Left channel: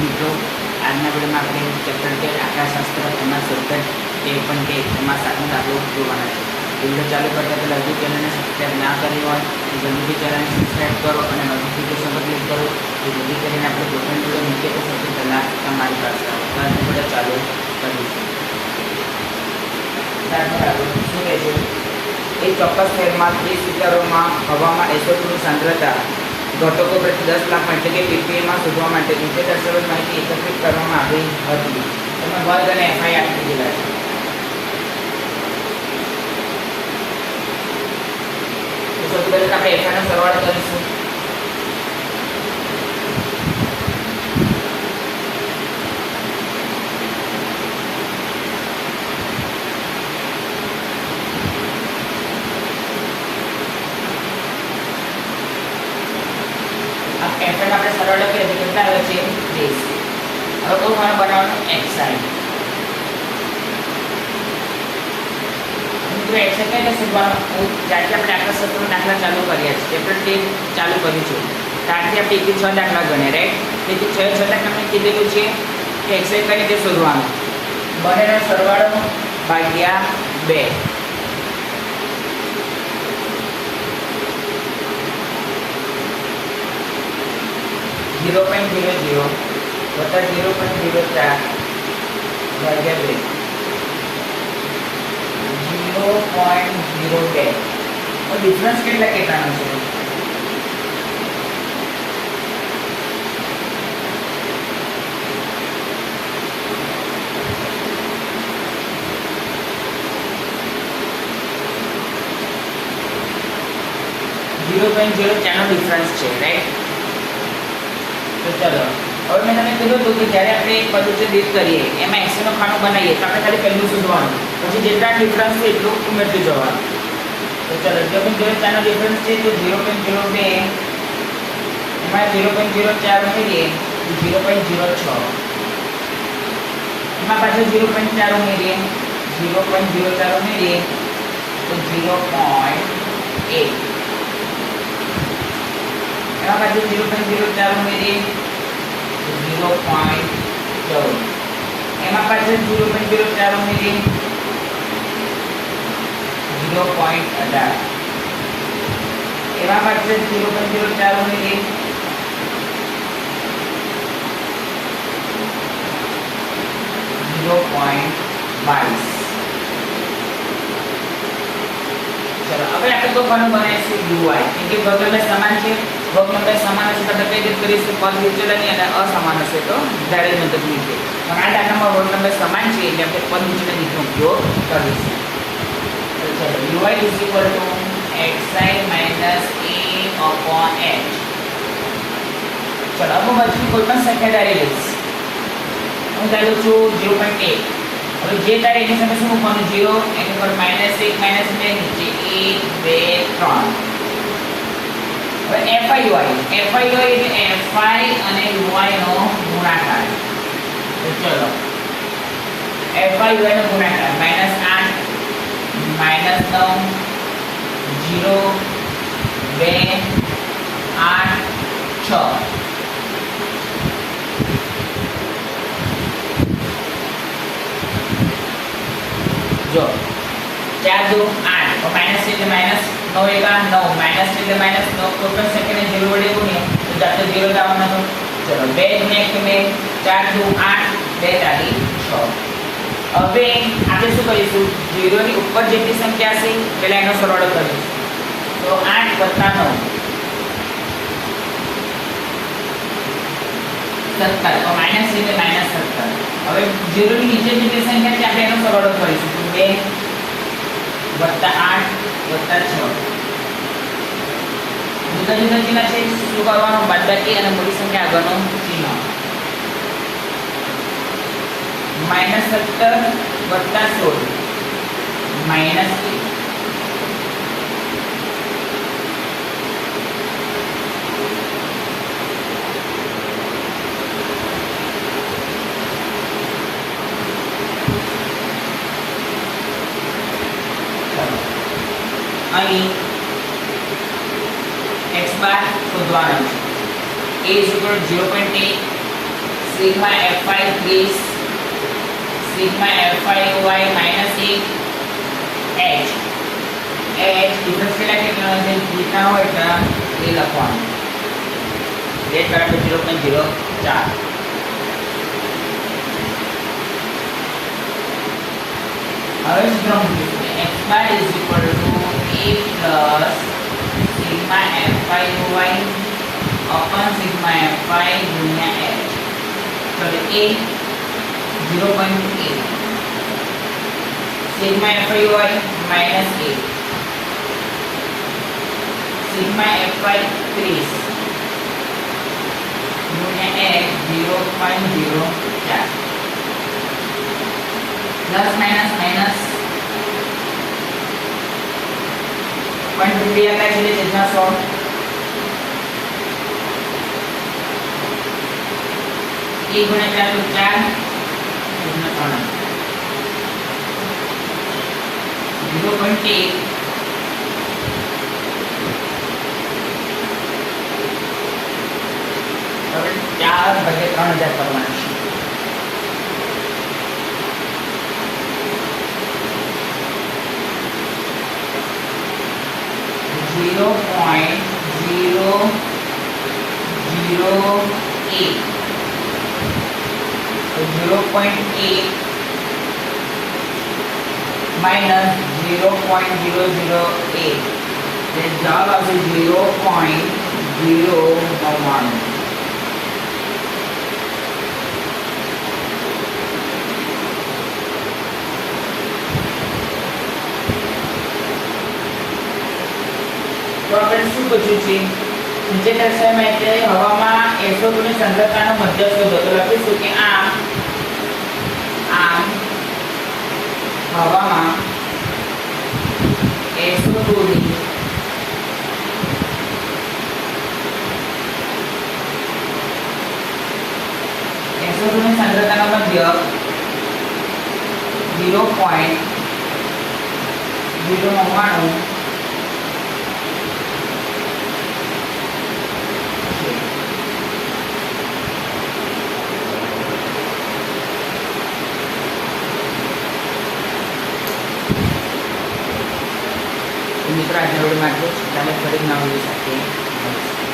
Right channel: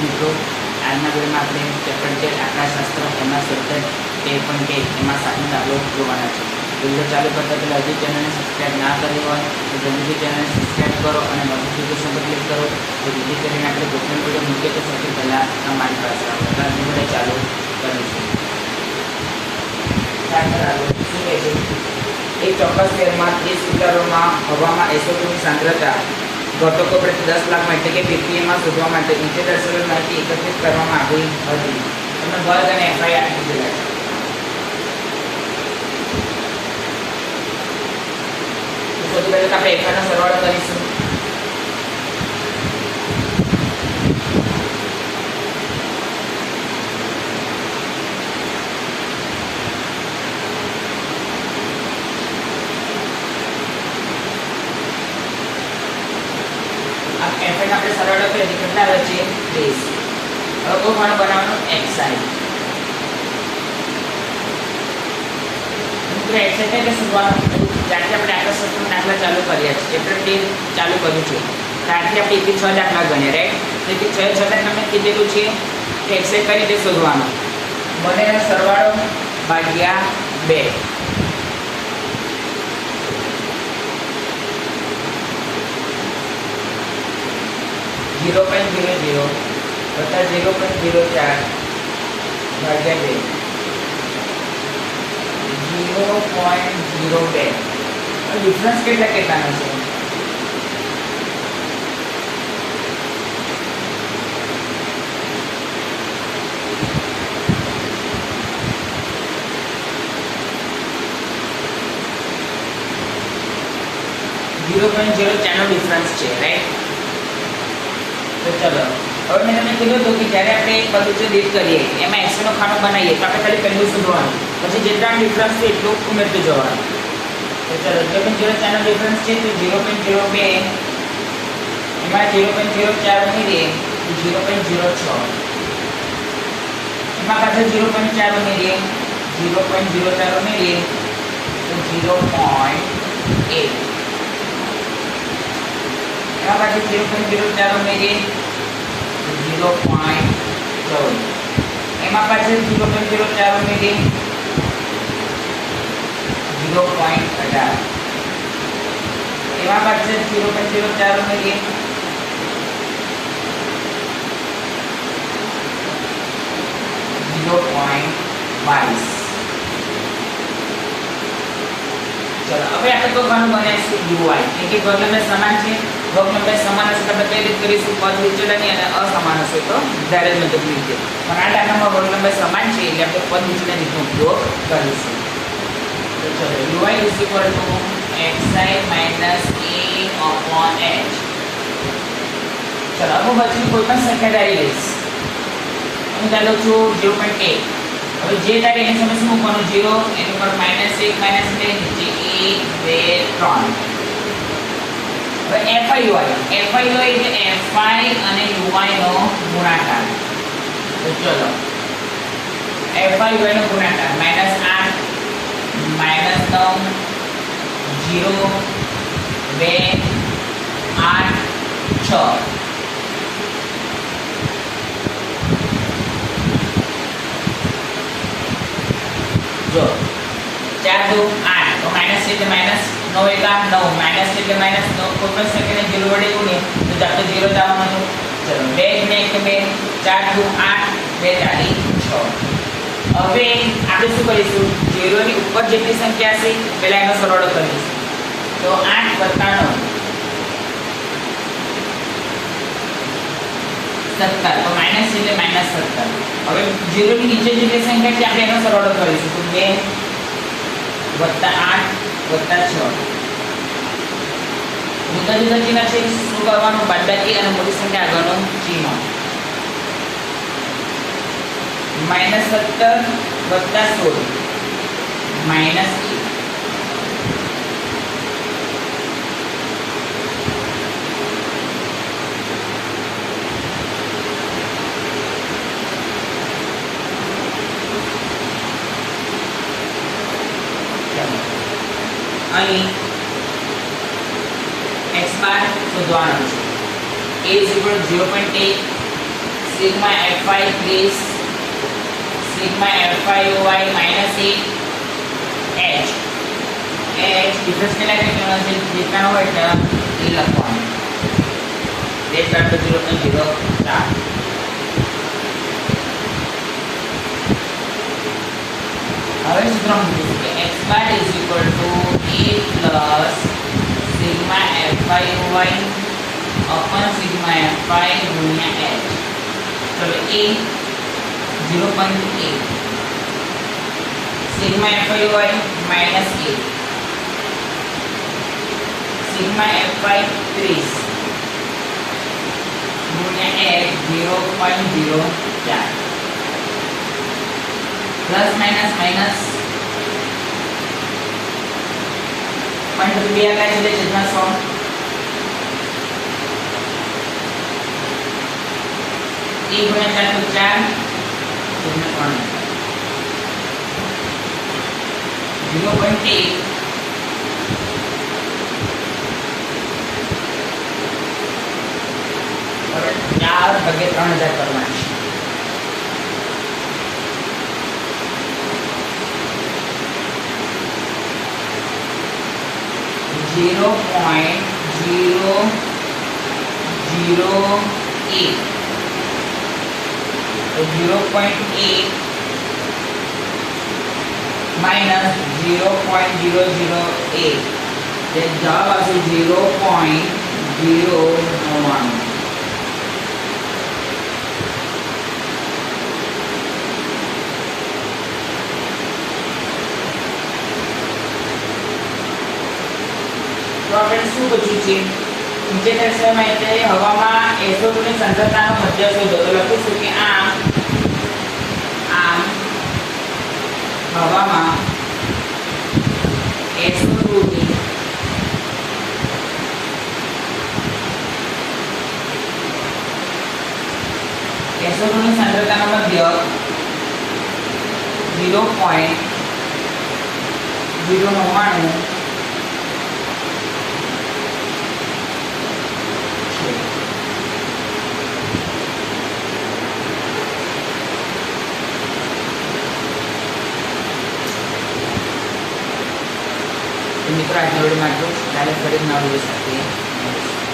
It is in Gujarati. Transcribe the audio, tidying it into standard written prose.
મિત્રો આજના વિડીયોમાં આપણે ચેપ્ટર 13 આંકડાશાસ્ત્ર એમાં સબ્જેક્ટ 13.1 એમાં 7નો દાખલો જોવાના છે. વિડીયો ચાલુ કરતા પહેલાં હજી ચેનલને સબસ્ક્રાઈબ ના કરી હોય તો જલ્દીથી ચેનલને સબસ્ક્રાઈબ કરો અને નોટિફિકેશન પર ક્લિક કરો તો જેથી કરીને આપણે કોઈ પણ વિડીયો મૂકીએ તો સૌથી પહેલાં તમારી પાસે આવે. તો આજનો વિડીયો ચાલુ કરીશું. શું કહે છે? એક ચોક્કસ શહેરમાં 30 લિટરોમાં હવામાં SO2 ની સાંદ્રતા ઘટકો પ્રતિ 10 લાખમાં એટલે કે ppmમાં શોધવા માટે નીચે દર્શાવેલ માહિતી એકત્રિત કરવામાં આવી હતી. તમે વર્ગ અને FI આપી દીધેલા છે. તો સૌથી પહેલા આપણે FI નો સરવાળો કરીશું. આપણે સરવાળો કરીએ તો કેટલા આવે છે 30. હવે કોઈ પણ બનાવવાનું xi. મિત્રો xi એટલે શોધવાનું. ત્યારથી આપણે આખા સત્રનો દાખલા ચાલુ કર્યા છે. ચેપ્ટર 13 ચાલુ કર્યું છે. ત્યારથી આપણે 1 થી 6 દાખલા ગણ્યા, રાઈટ? 1 થી 6 દાખલા મેં કીધેલું છે કે xi કઈ રીતે શોધવાનું. બંનેનો સરવાળો ભાગ્યા 2. +0.00 વત્તા 0.04 ભાગ્યા 2 0.02. ડિફરન્સ કેટલાનો છે? ડિફરન્સ છે, રાઈટ? તો ચલો, હવે મેં તમને કીધું હતું કે જ્યારે આપણે એક બધું જે ડીટ કરીએ એમાં xi નો ખાનો બનાવીએ તો આપણે ખાલી પહેલું શોધવાનું, પછી જેટલા ડિફરન્સ છે એટલું ઉમેરતું જવાનું. તો ચલો, 0.04 નો ડિફરન્સ છે તો 0.02 એમાં 0.04 ઉમેરીએ તો 0.06 એમાં પાછળ 0.4 ઉમેરીએ 0.04 ઉમેરીએ તો 0.8 એમાં પાછળ 0.04 ઉમેરીએ 0.14 એમાં પાછળ 0.04 ઉમેરીએ 0.18 એમાં પાછળ 0.04 ઉમેરીએ 0.22. चलो, अब આપણે તો ઘણું બનાવીશું ui, કેમ કે વર્ગ નંબર સમાન છે. વર્ગ નંબર સમાન હશે તો આપણે કઈ રીતે કરીશું? પદ વિચલનની અને અસમાન હશે તો ડાયરેક્ટ મેથડની રીતે. પણ આ દાખલામાં વર્ગ નંબર સમાન છે એટલે આપણે પદ વિચલન રીતનો ઉપયોગ કરીશું. તો ચલો, ui xi - a/h. ચલો, હવે બાજુની કોઈ પણ સંખ્યા ધારી લઈશ. હું ધારી લઉં છું 0.1. હવે જે તારે એની સામે શું મૂકવાનું? 0 એની પર -1 -2 નીચે 1 2 3. હવે FI એટલે FI અને UI નો ગુણાકાર. તો ચલો, FI UI નો ગુણાકાર -8 -9 0 2 8 6. જો 4 2 8 તો માઈનસ છે એટલે માઈનસ, 9 એકા 9 માઈનસ એટલે માઈનસ, 9 કોઈ પણ સંખ્યાને 0 વડે ગુણીએ તો જાતે 0 જ આવવાનું. ચલો, 2 ને 1 2 4 2 8 2 તારી 6. હવે આપણે શું કરીશું? 0 ની ઉપર જેટલી સંખ્યા હશે પહેલા એનો સરવાળો કરીશું. તો 8 + 9 17. તો માઈનસ એટલે માઈનસ 17. હવે 0 ની નીચે જેટલી સંખ્યા છે આપણે એનો સરવાળો કરીશું. તો 2 + 8 + 6. જુદા જુદા ચિહ્ન છે, શું કરવાનું? બાદબાકી અને મોટી સંખ્યા આગળનું ચિહ્ન. -17 + 16 -1. અહીં x બાર શોધવાનો છે. a = 0.1, c sigma Fy 30 sigma Fy minus 8 h difference કેટલા કેટલા છે જેટલા હોય એટલા એ લખવાનું h બરાબર 0.04 હવે સૂત્ર મૂકીશું કે x bar is equal to a plus sigma Fy upon sigma Fy ગુણ્યા h તો a 0.8 sigma Fy minus 8 sigma Fy 30 गुणिया h 0.04 plus minus minus point रुपया का चले छेदना 100 1 गुणिया 4 तो 4 छेदना 3 0.8 હવે 4 ભાગે 3000 કરવાના છે 0.008 તો 0.8 माइनस 0.008 ये जवाब आपसे 0.099 तो આપણે શું પૂછ્યું છે નીચે દર્શાવવામાં એટલે હવામાં SO2 ની સાંદ્રતાનો મધ્ય શોધો તો લખીશું કે આમ હવામાં SO2 ની સાંદ્રતાનો મધ્ય 0.099 મિત્રો આજના વિડીયોમાં આટલું. ચાલો ફરી નવા વિડીયો સાથે મળીશું.